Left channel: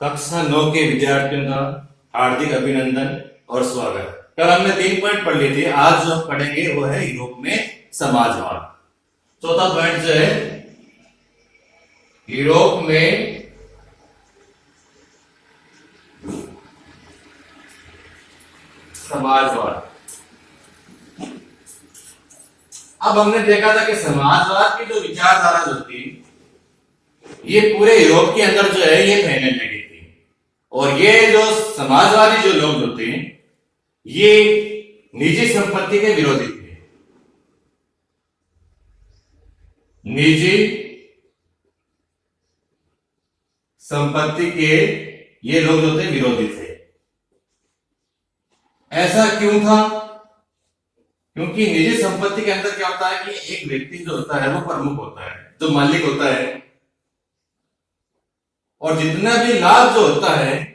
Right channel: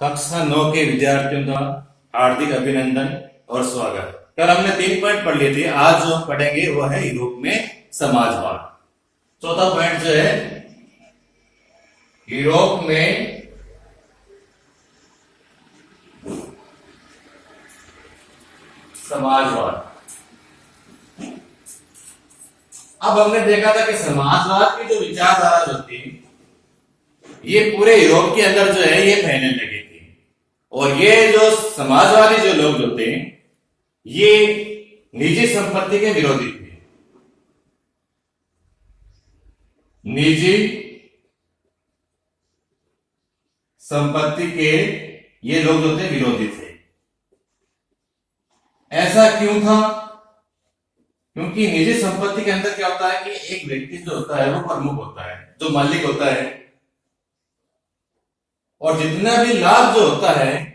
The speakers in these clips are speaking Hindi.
कक्षा 9 के विद्यार्थियों का हार्दिक अभिनंदन और स्वागत। कल हमने 3 पॉइंट पढ़ लिए थे। आज जो हम पढ़ेंगे वो है यूरोप में समाजवाद। चौथा पॉइंट जो है यूरोप में समाजवाद। अब हमने देखा था कि समाजवाद की जो विचारधारा जो थी ये पूरे यूरोप के अंदर जो है ये फैलने लगी थी। और ये जो समाजवादी जो लोग जो थे ये निजी संपत्ति के विरोधी थे। निजी संपत्ति के ये लोग जो थे विरोधी थे। ऐसा क्यों था? क्योंकि निजी संपत्ति के अंदर क्या होता है कि एक व्यक्ति जो होता है वो प्रमुख होता है, जो मालिक होता है, और जितना भी लाभ जो होता है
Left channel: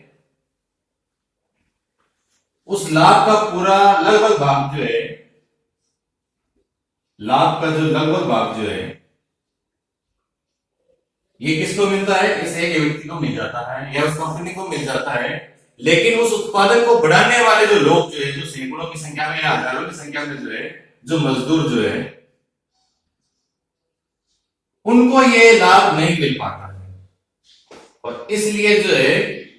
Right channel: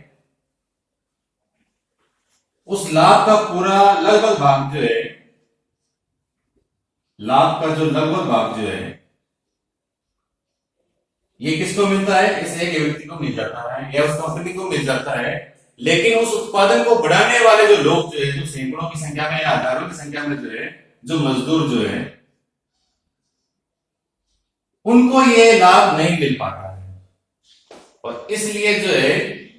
उस लाभ का पूरा लगभग भाग जो है, लाभ का जो लगभग भाग जो है ये किसको मिलता है? इस एक व्यक्ति को मिल जाता है या उस कंपनी को मिल जाता है। लेकिन उस उत्पादन को बढ़ाने वाले जो लोग जो है, जो सैकड़ों की संख्या में या हजारों की संख्या में जो है, जो मजदूर जो है, उनको ये लाभ नहीं मिल पाता है। और इसलिए जो है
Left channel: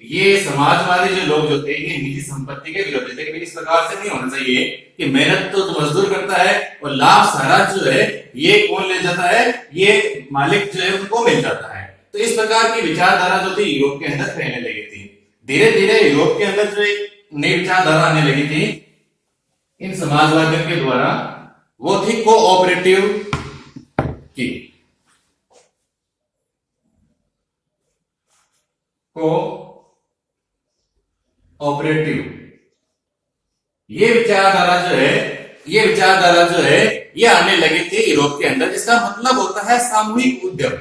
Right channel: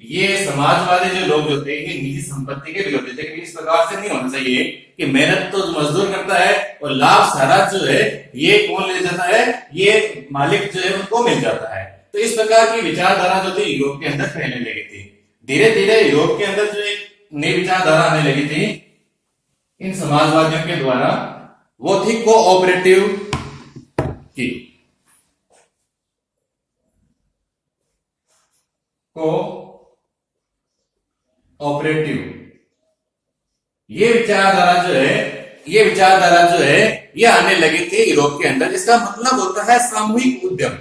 ये समाजवादी जो लोग जो थे ये निजी संपत्ति के विरोधी थे कि इस प्रकार से नहीं होना चाहिए कि मेहनत तो जो मजदूर करता है और लाभ सारा जो है ये कौन ले जाता है? ये मालिक जो है उनको मिल जाता है। तो इस प्रकार की विचारधारा जो थी यूरोप के अंदर फैलने लगी थी। धीरे धीरे यूरोप के अंदर जो एक नई विचारधारा आने लगी थी इन समाजवादियों के द्वारा, वो थी कोऑपरेटिव की। कोऑपरेटिव ये विचारधारा जो है ये आने लगी थी यूरोप के अंदर। इसका मतलब होता है सामूहिक उद्यम।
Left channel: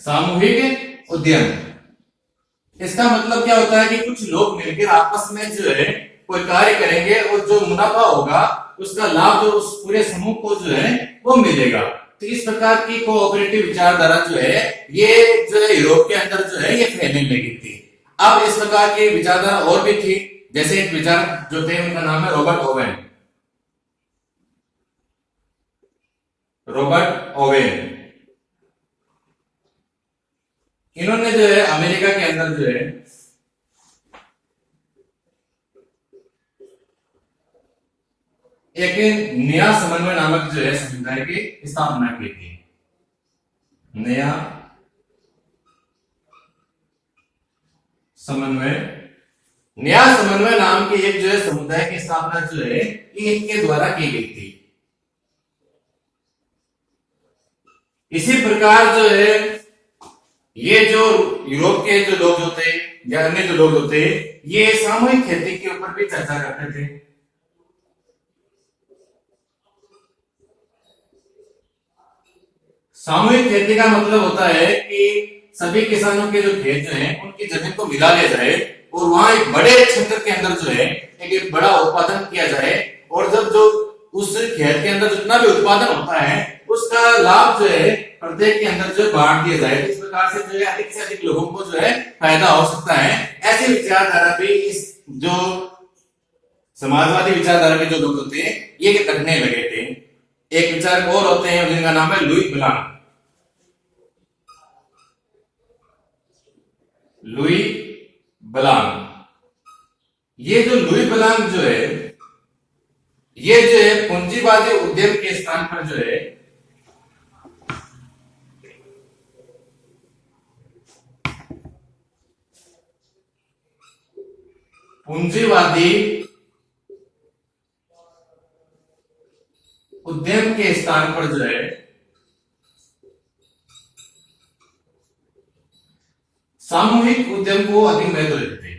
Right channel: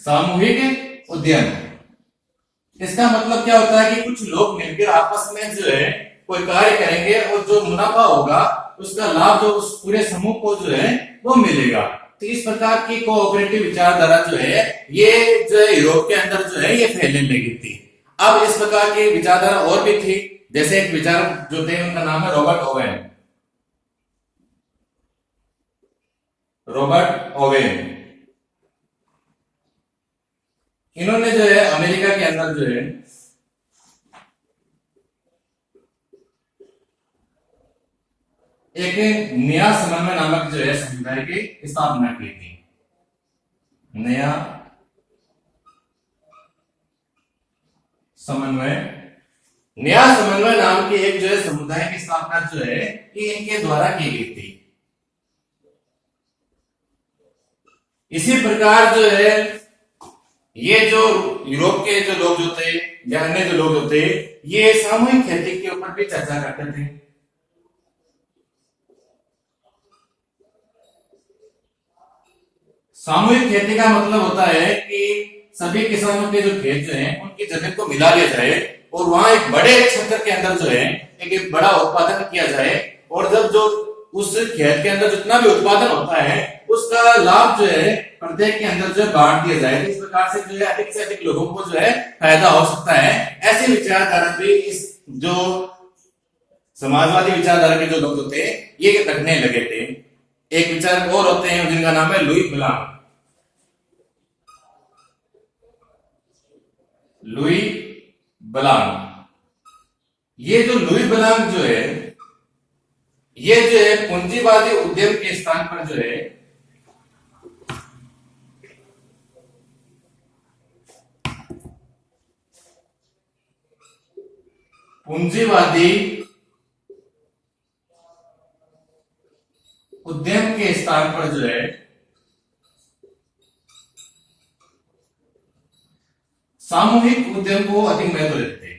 सामूहिक उद्यम इसका मतलब क्या होता है कि कुछ लोग मिलकर आपस में जो है कोई कार्य करेंगे और जो मुनाफा होगा उसका लाभ जो उस पूरे समूह को जो है वो मिलेगा। तो इस प्रकार की कोऑपरेटिव विचारधारा जो है ये जो है यूरोप के अंदर जो है ये फैलने लगी थी। अब इस प्रकार की विचारधारा और भी थी। जैसे एक विचारक जो थे उनका नाम है रॉबर्ट ओवेन। रॉबर्ट ओवेन इन्होंने जो है अमेरिका के अंदर जो है एक नया समन्वय नामक जो है समुदाय की स्थापना की थी। नया समन्वय नाम की एक जो है समुदाय की स्थापना जो है ये इनके द्वारा की गई थी। इसी प्रकार जो है ये जो यूरोप के जो लोग जो थे या अन्य जो लोग होते ये सामूहिक खेती के ऊपर भी चर्चा करते थे। सामूहिक खेती का मतलब होता है कि सभी किसानों के जो खेत जो हैं उनकी जमीन को मिला लिया जाए और वहां एक बड़े क्षेत्र के अंदर जो है एक बड़ा उत्पादन किया जाए, और जब जो उस खेत के अंदर जितना भी उत्पादन होता है उसका लाभ जो है प्रत्येक के अंदर जो बांट दिया जाए। इस प्रकार से जो है अधिक से अधिक लोगों को जो है फायदा हो सकता है। ऐसी विचारधारा भी इस जो समाजवादी विचारधारा के जो लोग होते हैं ये रखने लगे थे। एक विचारक और होते हैं जिनका नाम है लुई ब्लांक। लुई ब्लांक ये जो लुई ब्लांक जो है ये जो है पूंजीवादी उद्यम के स्थान पर जो है पूंजीवादी उद्यम के स्थान पर जो है सामूहिक उद्यम को अधिक महत्व देते हैं।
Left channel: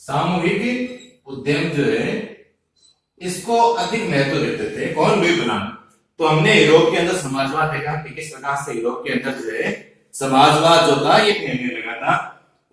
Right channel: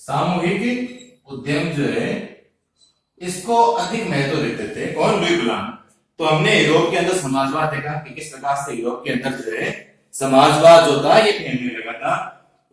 सामूहिक उद्यम जो है इसको अधिक महत्व देते थे। कौन? Louis Blanc. तो हमने यूरोप के अंदर समाजवाद देखा कि किस प्रकार से यूरोप के अंदर जो है समाजवाद जो था ये फैलने लगा था।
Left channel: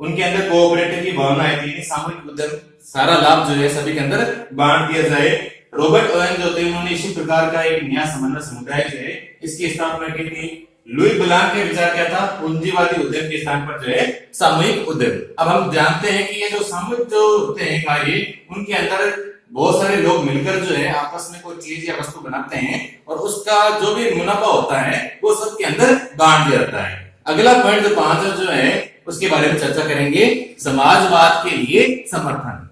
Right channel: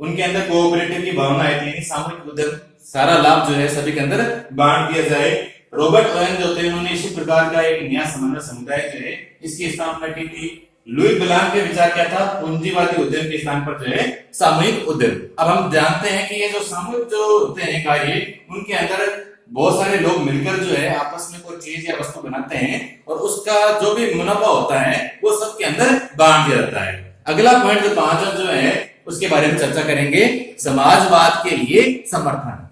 उनके अंदर कोऑपरेटिव की भावना आई थी, यानी सामूहिक उद्यम, सारा लाभ जो है सभी के अंदर बांट दिया जाए। रॉबर्ट ओवेन जो थे उन्होंने इसी प्रकार का एक नया समन्वय समुदाय जो है इसकी स्थापना की थी। लुई ब्लांक के विचार क्या था, पूंजीवादी उद्यम के स्थान पर जो है सामूहिक उद्यम। अब हम जानते हैं कि ये जो सामूहिक जो होते हैं कार्य, उनके अंदर बहुत सारे लोग मिलकर जो है आपस में कोई चीज या वस्तु बनाते हैं और उसका जो भी मुनाफा होता है वो सबके अंदर बांट दिया जाता है। अगला पॉइंट जो 5 जो है उसके बारे में चर्चा करेंगे, समाजवाद के लिए समर्थन।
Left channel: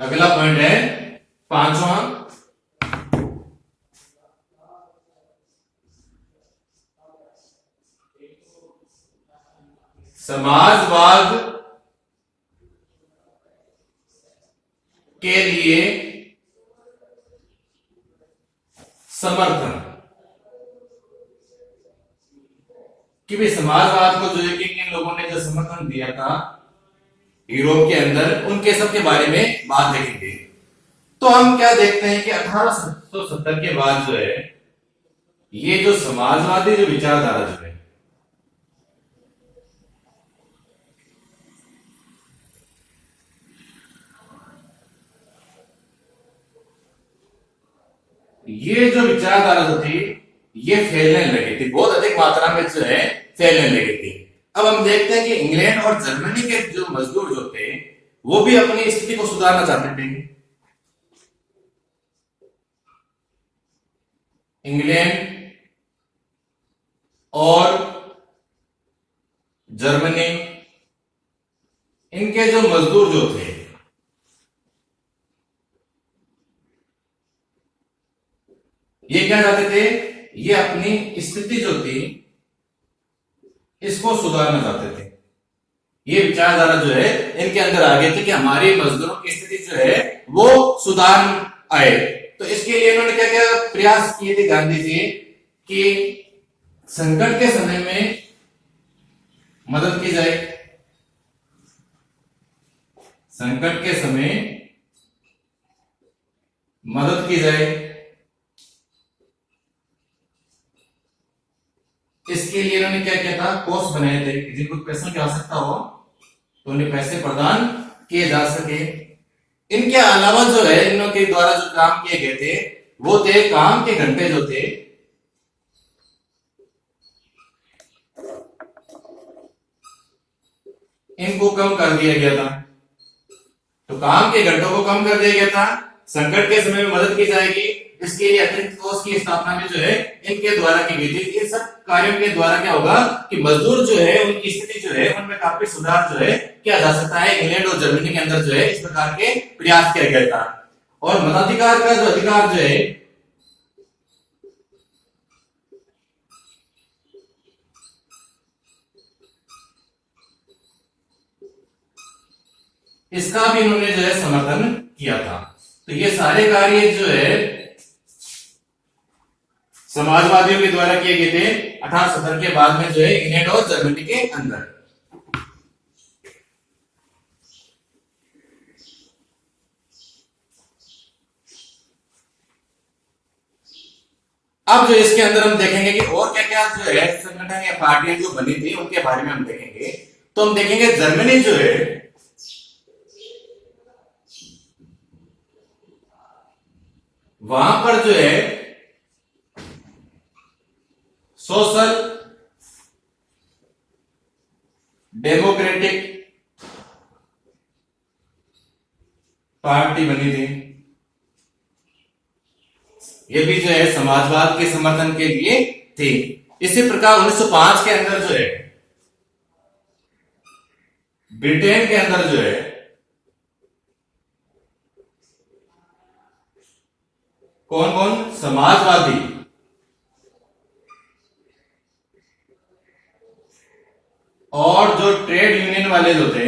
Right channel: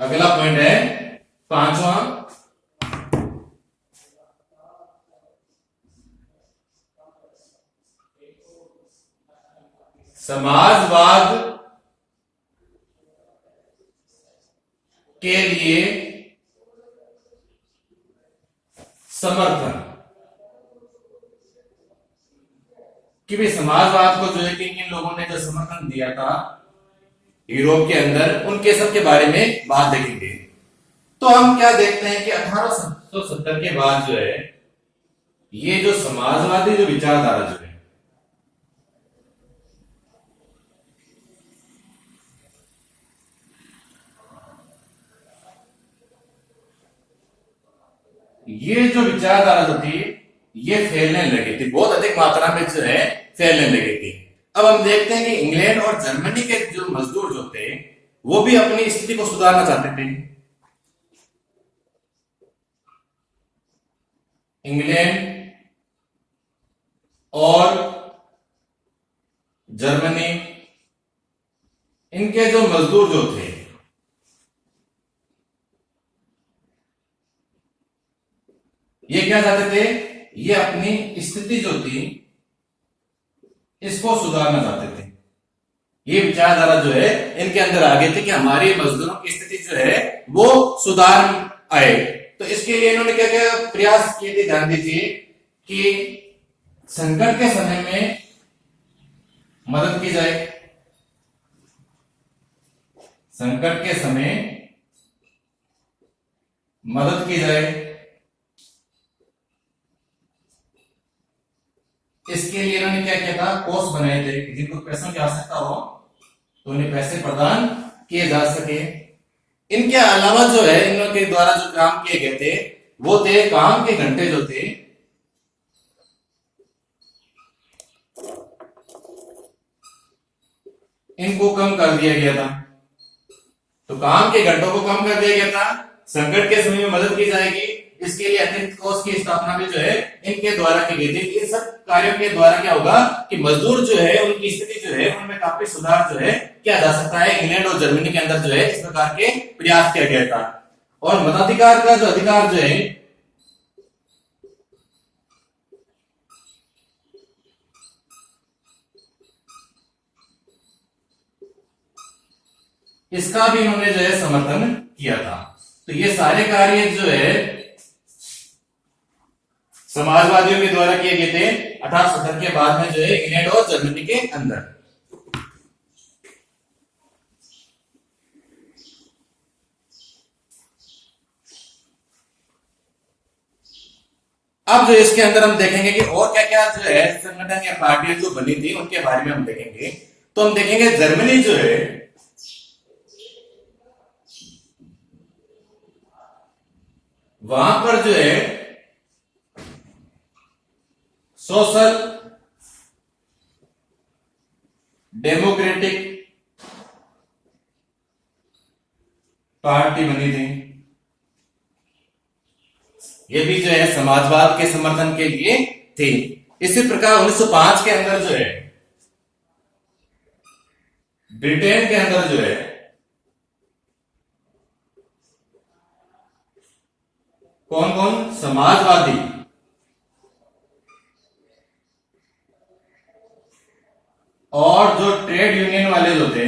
अगला पॉइंट है 5वां, समाजवाद के लिए समर्थन। कि भाई समाजवाद को जो है किन किन लोगों ने जो समर्थन दिया था यूरोप के अंदर, उनके सब के बारे में बात देखेंगे। तो हम क्या देखते हैं कि 1870 के बाद जो है ये जो समाजवादी जो विचारधारा जो है ये जो विचारधारा जो थी ये फैलने लगी थी, बहुत अधिक मात्रा में जो है फैलने लगी थी। अब हम देखते हैं कि इंग्लैंड और जर्मनी के जो मजदूर जो थे वो भी अपनी स्थिति को सुधारना चाहते थे। इंग्लैंड और जर्मनी, इनके जो मजदूर जो थे ये क्या चाहते थे, ये अपनी स्थिति जो थी इसको सुधारना चाहते थे। ये विचारधारा जो है इनके अंदर आ गई थी कि हमारे मजदूरों की स्थिति जो है वो सुधार आए। तो इसके लिए इन्होंने क्या क्या प्रयास किए थे गांधी जी, कि संकट के समय में मदद की जाए, संकट के समय मदद की जाए। इसके लिए इन्होंने क्या किया था, कोष बनाए थे कि जिनको पैसों की आवश्यकता हो तो उन्हें पैसे प्रदान किए जा सके। इनके अलावा जो है इन लोगों के द्वारा जो काम किए गए थे वो थे काम के घंटे जो थे इनको कम कर दिया गया था। तो काम के घंटों को कम कर दिया गया था, संकट के समय में मदद की जाएगी, इसके लिए अतिरिक्त कोष की स्थापना भी जो है इनके द्वारा की गई थी। ये सब कार्यों के द्वारा क्या होगा कि मजदूर जो है उनकी स्थिति जो है उनमें काफी सुधार जो है किया जा सकता है। इंग्लैंड और जर्मनी के अंदर जो है इस प्रकार के प्रयास किया गया था। और मताधिकार का जो अधिकार जो है इसका भी इन्होंने जो है समर्थन किया था। तो ये सारे कार्य जो है समाजवादियों के द्वारा किए गए थे 1870 के बाद में जो है इंग्लैंड और जर्मनी के अंदर। अब जो इसके अंदर हम देखेंगे कि और क्या क्या जो है संगठन या पार्टियां जो बनी थी उनके बारे में हम देखेंगे। तो हम देखेंगे जर्मनी जो है वहां पर जो है सोशल डेमोक्रेटिक पार्टी बनी थी। ये भी जो है समाजवाद के समर्थन के लिए थी। इसी प्रकार 1905 के अंदर जो है ब्रिटेन के अंदर जो है कौन कौन समाजवादी और जो ट्रेड यूनियन वाले जो थे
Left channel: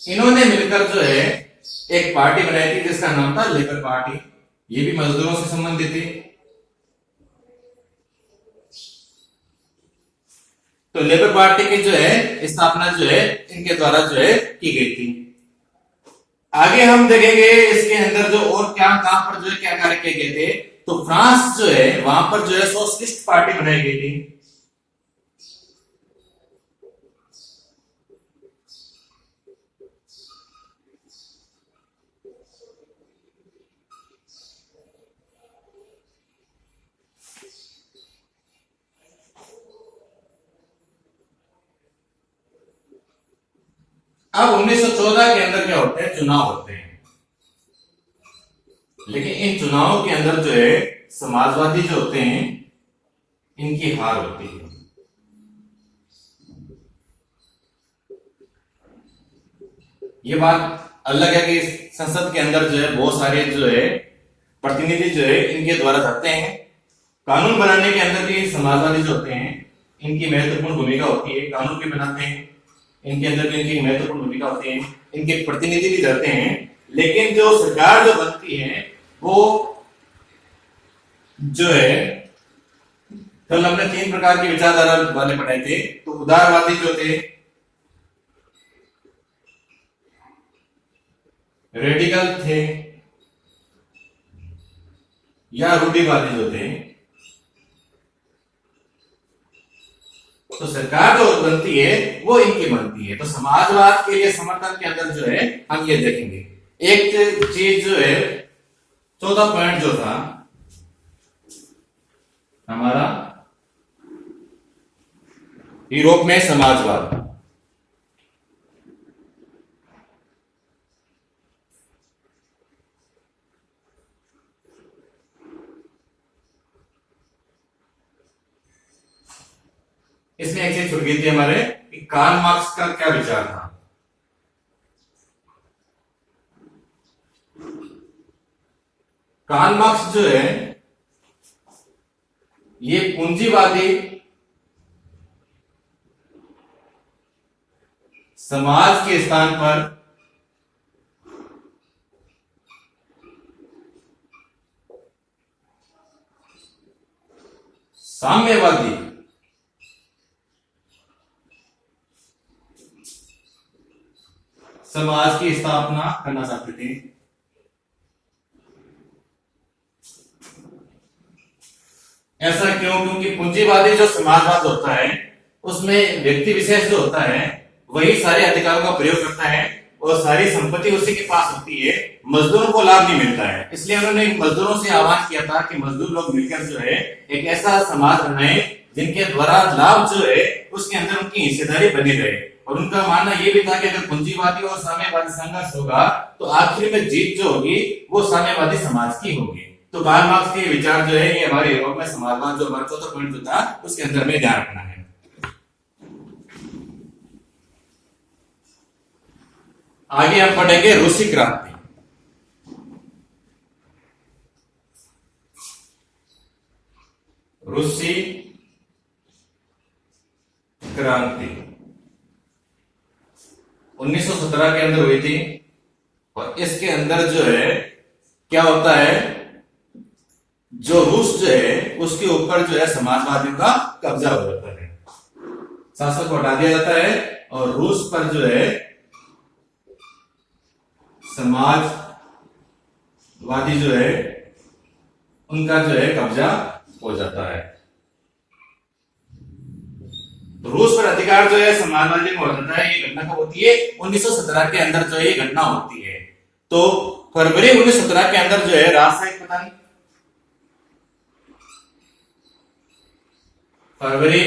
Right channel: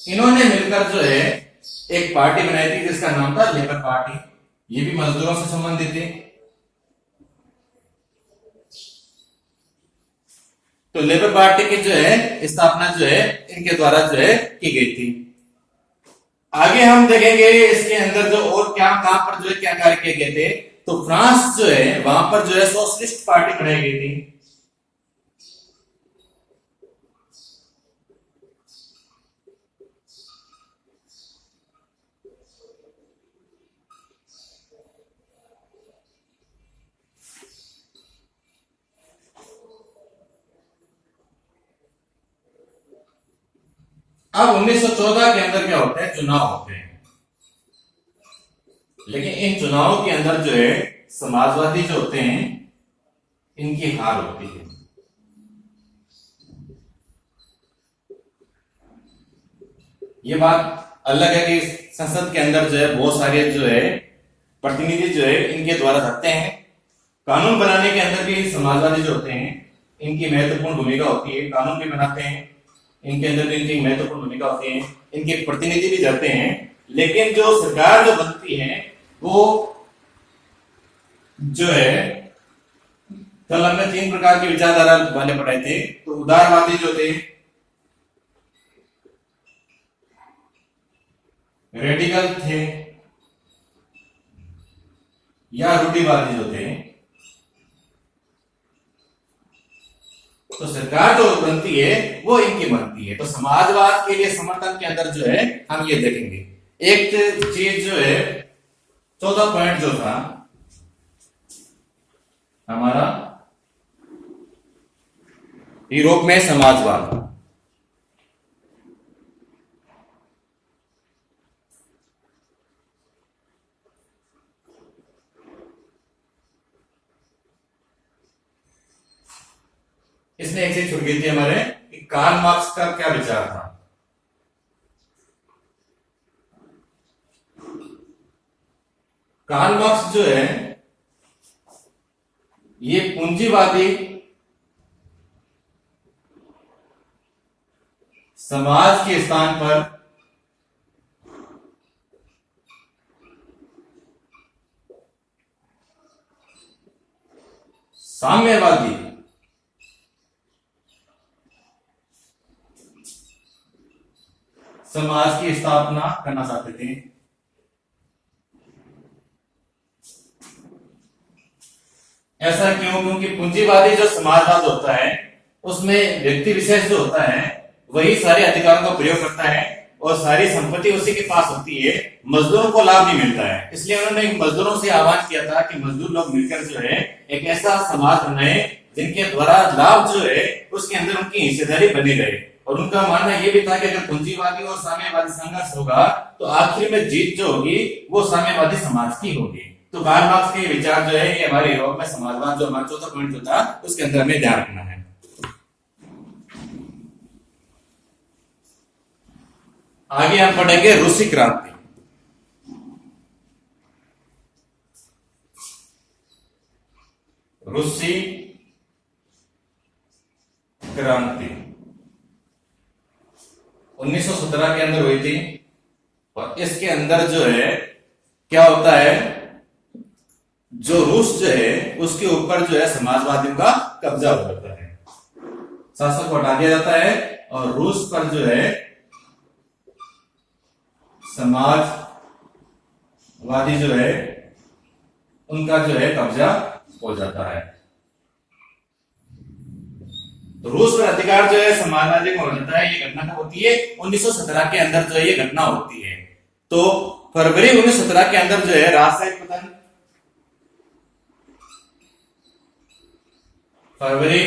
इन्होंने मिलकर जो है एक पार्टी बनाई थी जिसका नाम था लेबर पार्टी। ये भी मजदूरों से संबंधित थी। तो लेबर पार्टी की जो है स्थापना जो है इनके द्वारा जो है की गई थी। आगे हम देखेंगे इसके अंदर जो और क्या कहां पर जो है क्या कार्य किए गए थे। तो फ्रांस जो है वहां पर जो है सोशलिस्ट पार्टी बनाई गई थी। अब 1914 के अंदर क्या होते हैं, चुनाव होते हैं। लेकिन इन चुनावों के अंदर जो है समाजवादी जो होते हैं इनकी हार होती है। ये बात अलग है कि संसद के अंदर जो है बहुत सारे जो है प्रतिनिधि जो है इनके द्वारा रहते हैं। कानून बनाने के अंदर भी समाजवादी जो होते हैं इनकी महत्वपूर्ण भूमिका होती है। कानून भी बनाते हैं, इनके अंदर भी इनकी महत्वपूर्ण भूमिका होती है, इनके प्रतिनिधि भी रहते हैं। लेकिन जो सरकार जो बनती है वो जो है, कल हमने 3 प्रकार की विचारधारा वाले पढ़े थे। तो उदारवादी जो थे, रेडिकल थे, या रूढ़िवादी जो थे। तो सरकार जो बनती है वो इनकी बनती है। तो समाजवाद के लिए समर्थन के अंदर जो है हम ये देखेंगे। एक चीज जो है, चौथा पॉइंट जो था हमारा, यूरोप में समाजवाद। इसमें एक चीज छूट गई थी हमारे कि कार्ल मार्क्स का क्या विचार था। कार्ल मार्क्स जो है ये पूंजीवादी समाज के स्थान पर साम्यवादी समाज की स्थापना करना चाहते थे। ऐसा क्यों? क्योंकि पूंजीवादी जो समाजवाद होता है उसमें व्यक्ति विशेष जो होता है वही सारे अधिकारों का प्रयोग करता है और सारी संपत्ति उसी के पास होती है, मजदूरों को लाभ नहीं मिलता है। इसलिए उन्होंने मजदूरों से आह्वान किया था कि मजदूर लोग मिलकर जो है एक ऐसा समाज बनाए जिनके द्वारा लाभ जो है उसके अंदर उनकी हिस्सेदारी बनी रहे। और उनका मानना यह भी था कि अगर पूंजीवादी और साम्यवादी संघर्ष होगा तो आखिर में जीत जो होगी वो साम्यवादी समाज की होगी। तो कार्ल मार्क्स के विचार जो है ये हमारे यूरोप में समाजवाद जो हमारा चौथा पॉइंट जो था उसके अंदर हमें ध्यान रखना है। आगे हम पढ़ेंगे रूसी क्रांति। रूसी क्रांति 1917 के अंदर हुई थी। और इसके अंदर जो है क्या होता है, जो रूस जो है उसके ऊपर जो है समाजवादियों का कब्जा हो जाता है, शासक को हटा दिया जाता है और रूस पर जो है समाजवादी जो है उनका जो है कब्जा हो जाता है। रूस पर अधिकार जो है समाजवादी को हो जाता है। ये घटना कब होती है? 1917 के अंदर जो है ये घटना होती है। तो फरवरी 1917 के अंदर जो है राजशाही पतन, फरवरी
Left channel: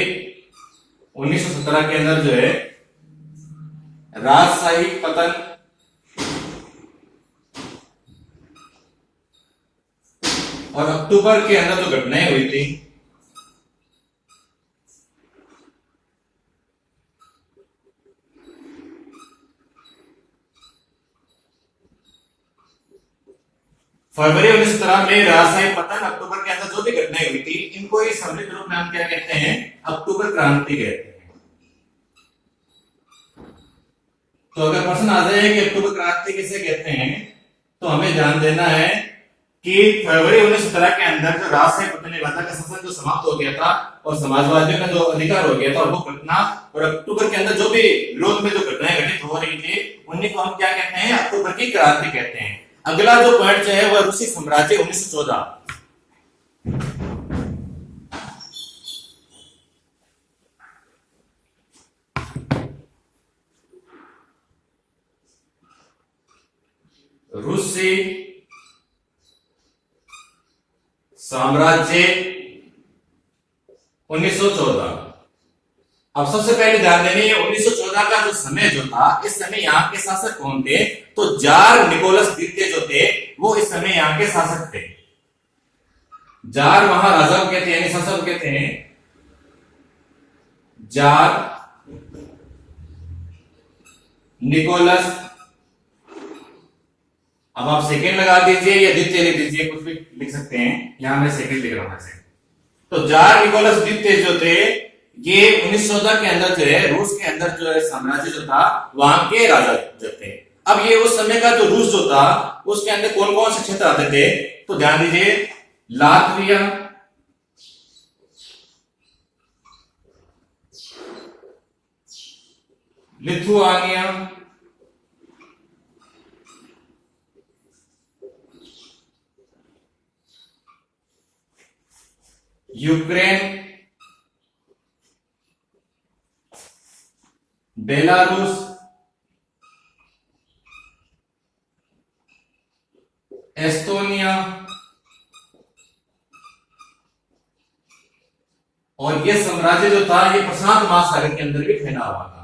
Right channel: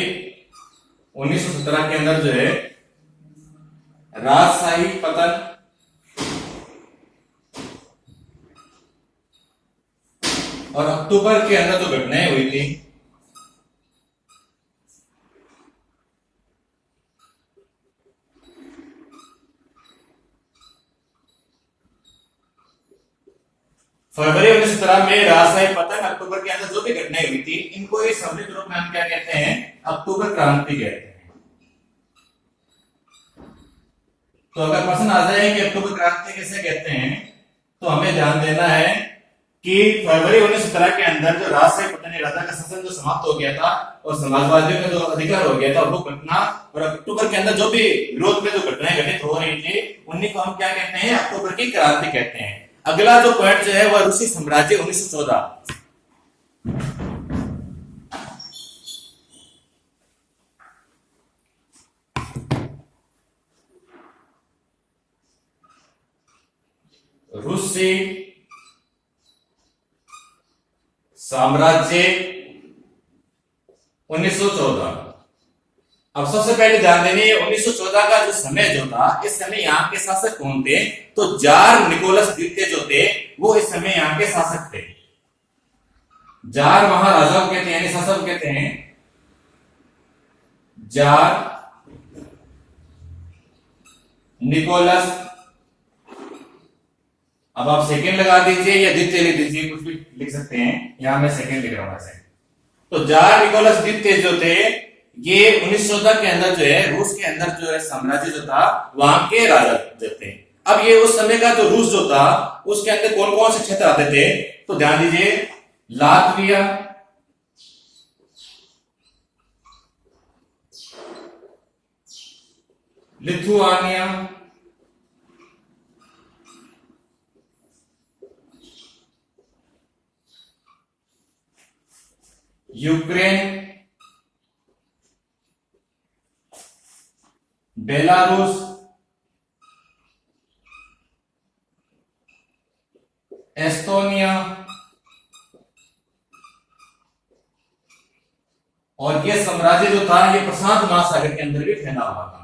1917 के अंदर जो है राजशाही पतन और अक्टूबर के अंदर जो घटनाएं हुई थी फरवरी 1917 में राजशाही पतन, अक्टूबर के अंदर जो भी घटनाएं हुई थी इनको इस सम्मिलित रूप में हम क्या कहते हैं? अक्टूबर क्रांति कहते हैं। तो अगर प्रश्न आ जाए कि अक्टूबर क्रांति किसे कहते हैं तो हमें ध्यान देना है कि फरवरी 1917 के अंदर जो राजशाही पतनी राजा का शासन जो समाप्त हो गया था और समाजवादियों का जो अधिकार हो गया था वो घटना, और अक्टूबर के अंदर जो भी विरोध में जो घटनाएं घटित हो रही थी उन्हीं को हम क्या कहते हैं, अक्टूबर की क्रांति कहते हैं। अगला जो पॉइंट जो है वह रूसी साम्राज्य 1914। रूसी साम्राज्य 1914। अब सबसे पहले ध्यान देंगे 1914 का जो समय जो था, इस समय यहाँ के शासक कौन थे, तो जार निकोलस द्वितीय जो थे वो इस समय यहाँ के शासक थे। जार महाराजा को कहते हैं, यानी शासक को कहते हैं जार निकोलस। अब आप सेकंड लगा दीजिए या द्वितीय लिख दीजिए, कुछ भी लिख सकते हैं, यहां मैं सेकंड लिख रहा हूं ऐसे। तो जार निकोलस द्वितीय जो थे ये 1914 के अंदर जो है रूस के अंदर जो है साम्राज्य जो था वहां के राजा जो थे। अब ये उस समय का जो रूस जो था उसके अंदर कौन कौन से क्षेत्र आते थे, तो ध्यान दीजिए Latvia, Lithuania, Ukraine, Belarus, Estonia, और ये साम्राज्य जो था ये प्रशांत महासागर के अंदर भी फैला हुआ था।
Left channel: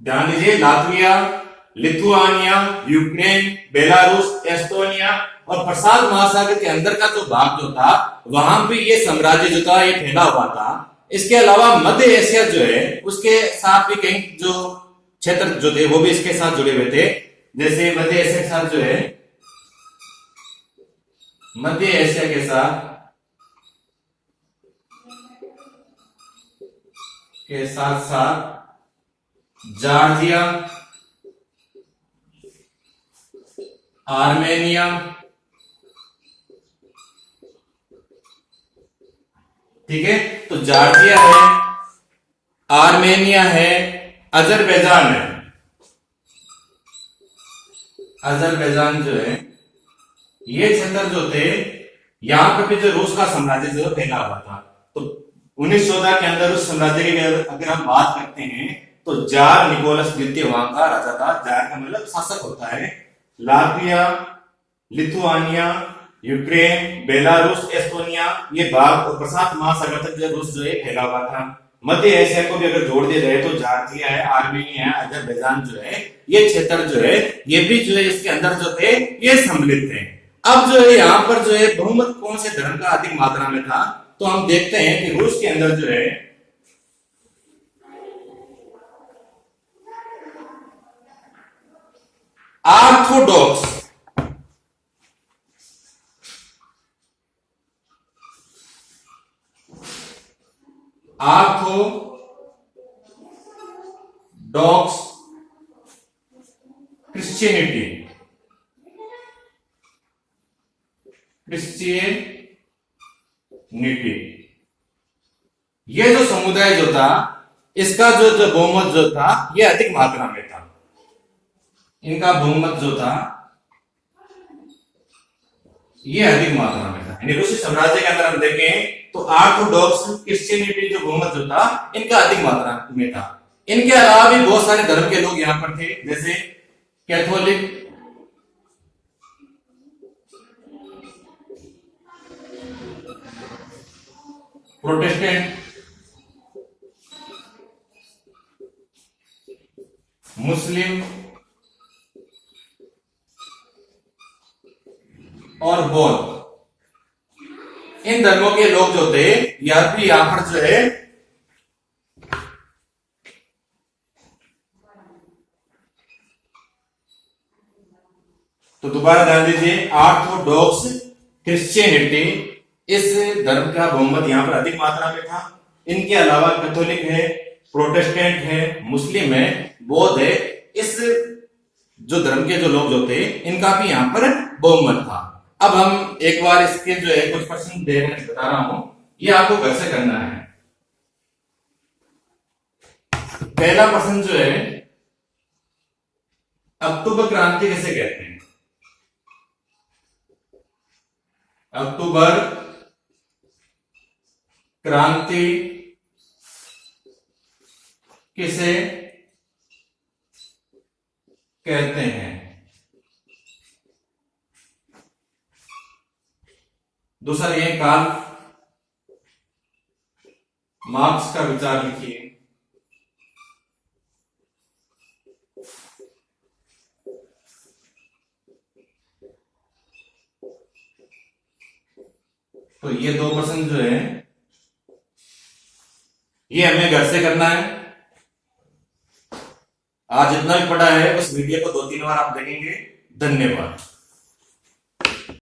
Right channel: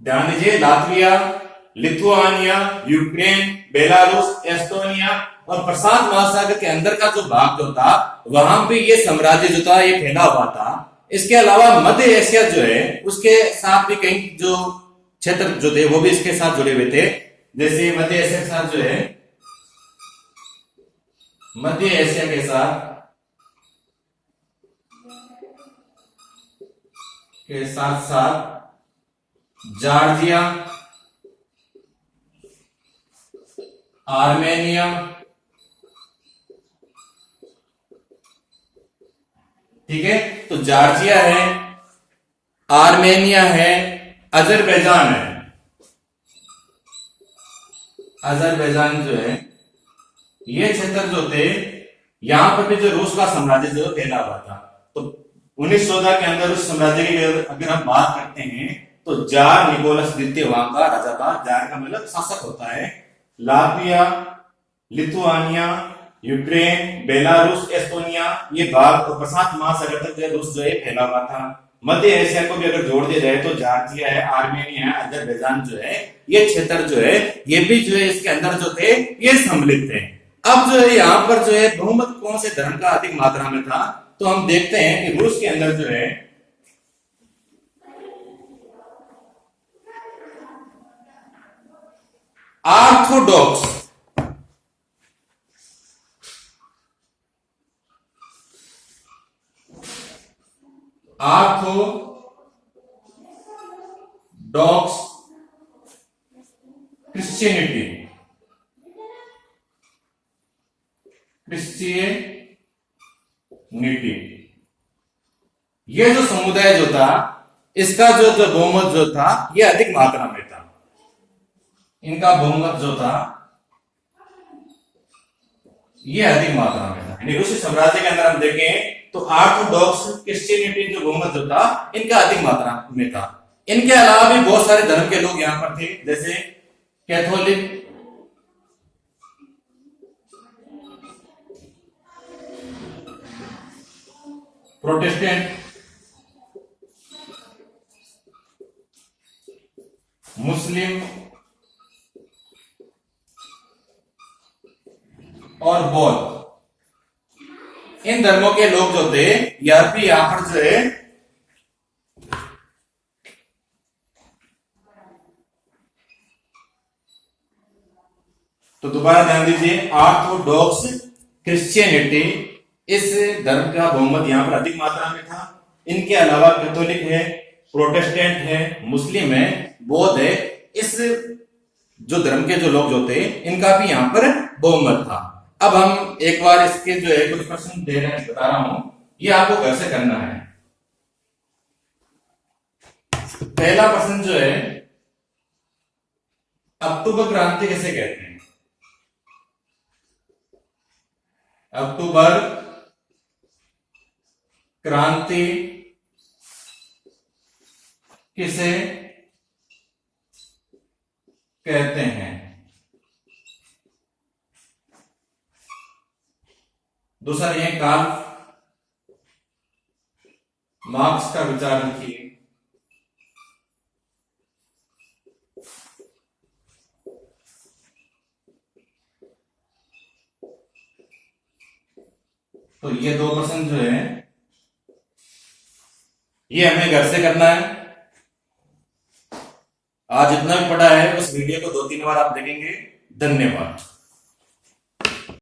ध्यान दीजिए Latvia, Lithuania, Ukraine, Belarus, Estonia और प्रशांत महासागर के अंदर का जो भाग जो था वहां पे ये साम्राज्य जो था ये फैला हुआ था। इसके अलावा मध्य एशिया जो है उसके साथ भी कई जो क्षेत्र जो थे वो भी इसके साथ जुड़े हुए थे। जैसे मध्य एशिया के साथ जो है, मध्य एशिया के साथ जॉर्जिया, आर्मेनिया, ठीक है, तो जॉर्जिया है, आर्मेनिया है, अजरबैजान है। अजरबैजान जो है ये क्षेत्र जो थे यहां पर भी जो रूस का साम्राज्य जो फैला हुआ था। तो 1914 के अंदर उस साम्राज्य की अगर हम बात करते हैं तो जार निकोलस द्वितीय वहां का राजा था। जार का मतलब शासक होता है। Latvia, Lithuania, Ukraine, Belarus, Estonia ये भाग और प्रशांत महासागर तक जो रूस जो है फैला हुआ था। मध्य एशिया को भी अगर जोड़ दिया जाए तो जॉर्जिया है, आर्मेनिया है, अजरबैजान जो है ये क्षेत्र जो है ये भी जो है इसके अंदर जो थे ये सम्मिलित थे। अब जो है यहाँ पर जो है बहुमत कौन से धर्म का अधिक मात्रा में था, तो हम देखते हैं कि रूस के अंदर जो है ऑर्थोडॉक्स, ऑर्थोडॉक्स क्रिश्चियनिटी, ये जो समुदाय जो था इसका जो बहुमत जो था ये अधिक मात्रा में था। इनका बहुमत जो था ये अधिक मात्रा में था। यानी रूसी साम्राज्य के अंदर हम देखें तो ऑर्थोडॉक्स क्रिश्चियनिटी जो बहुमत जो था इनका अधिक मात्रा में था। इनके अलावा भी बहुत सारे धर्म के लोग यहां पर थे, जैसे कैथोलिक, प्रोटेस्टेंट, मुस्लिम और बौद्ध। इन धर्मों के लोग जो थे यह भी यहां पर जो है तो दोबारा ध्यान दीजिए ऑर्थोडॉक्स क्रिश्चियनिटी, इस धर्म का बहुमत यहाँ पर अधिक मात्रा में था। इनके अलावा कैथोलिक है, प्रोटेस्टेंट है, मुस्लिम है, बौद्ध है। इस जो धर्म के जो लोग जो थे इनका भी यहाँ पर बहुमत था। अब हम एक बार इसके जो है कुछ प्रश्न दे रहे बता रहा हूं, ये आपको घर से करना है। पहला प्रश्न जो है, अक्टूबर क्रांति किसे कहते हैं? अक्टूबर क्रांति किसे कहते हैं? दूसरा ये कार्ल मार्क्स का विचार लिखिए। तो ये दो प्रश्न जो है ये हमें घर से करना है। आज जितना भी पढ़ा है उस वीडियो को 2-3 बार आप देखेंगे। धन्यवाद।